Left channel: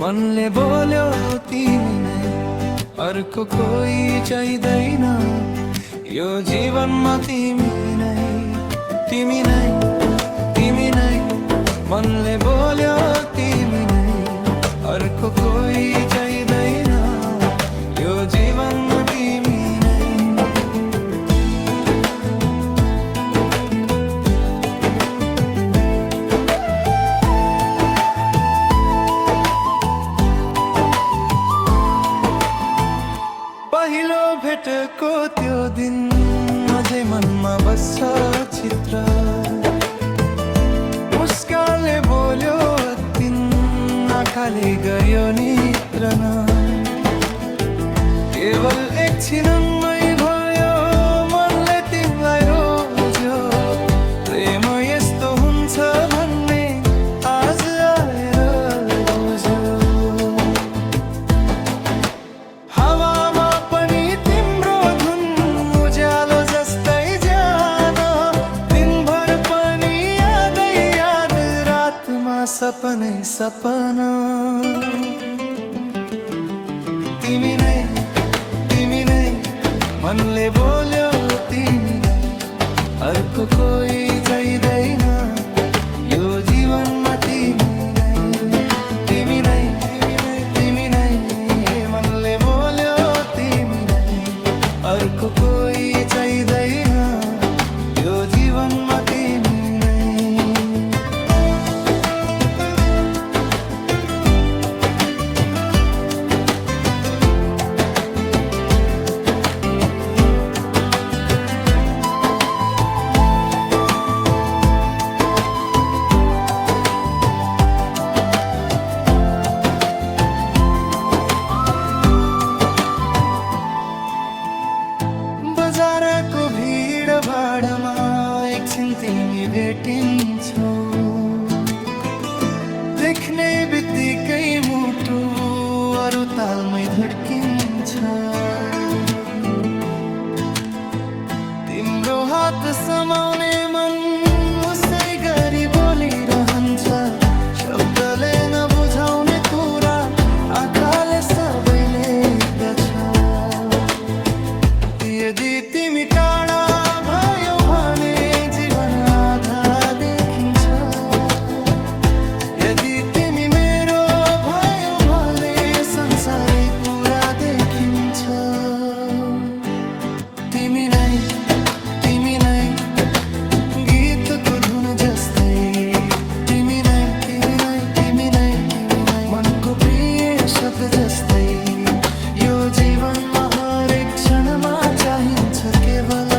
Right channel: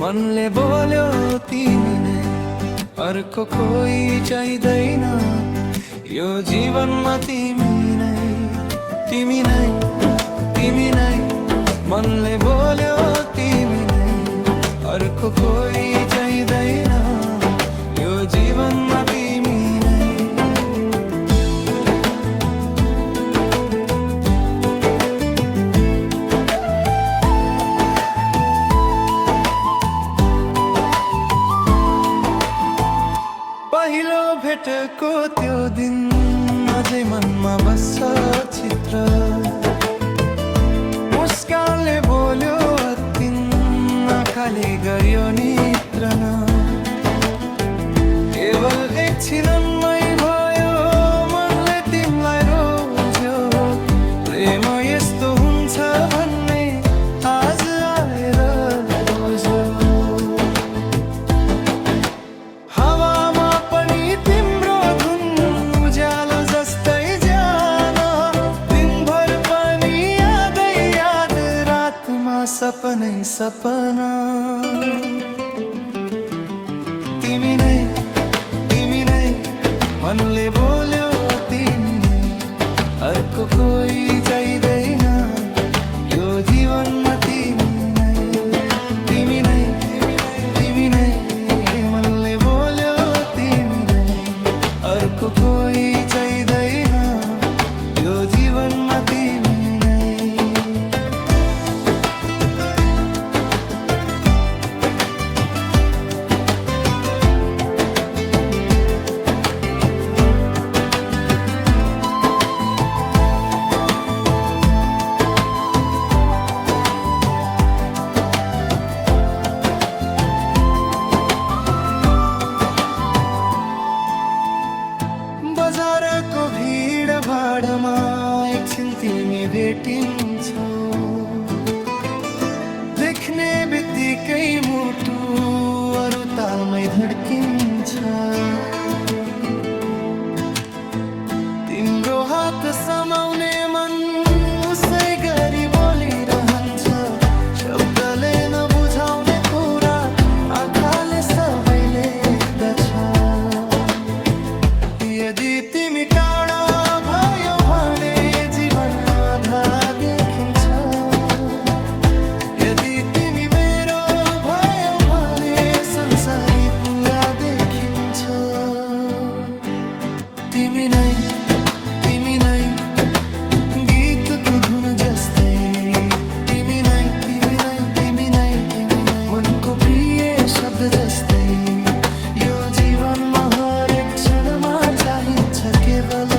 मनले बोल्यो तिमी नै, अर्को कोही चाहिँदैन यो जीवनमा। तिमी नै, तिमी नै, तिमी नै। मनले बोल्यो तिमी नै, अर्को कोही चाहिँदैन यो जीवनमा। तिमी नै पहिलो भेटको त्यो दिन अझै मनमा बस्छ चित्र। मुस्कानले बोल्यो तिन, आँखाले गर्यो नित्रन। केवल एकछिनमै भयो मनले तिमीलाई रोज्यो। प्रेम यस्तो हुन्छ भन्ने आज आएर बुझ्यो। हावामा पनि तिम्रो धुन उज्यालो जस्तै जान। दिनभर पनि यादै याद, रातमा सपनै सपना। तिमी नै, तिमी नै। मनले बोल्यो तिमी नै, अर्को कोही चाहिँदैन यो जीवनमा। तिमी नै, तिमी नै, तिमी नै, तिमी नै। मनले बोल्यो तिमी नै, अर्को कोही चाहिँदैन यो जीवनमा। तिमी नै बजारको भिड भाडमा एकछिन तिमी भेटिन्छौ। देख्ने बित्तिकै मुटु अरू तालमै धड्किन्छ। तिम्रो हात समाउने मन उसै गरी बोलिरहन्छ। शब्दले नबुझाउने कुरा आँखाले सबै लेख्दछ। यदि तिमी टाढा भयो भने जीवन आधा देखिन्छ। यदि तिमी मेरो भयो भने संसारै पुरा देखिन्छ। तिमी नै, तिमी नै। गीतको धुन जस्तै तिमी नै, तिमी नै, तिमी नै, तिमी नै। मनको प्रिय शब्द जस्तै यो जीवनमा हरेक क्षणमा चाहिन्छ केवल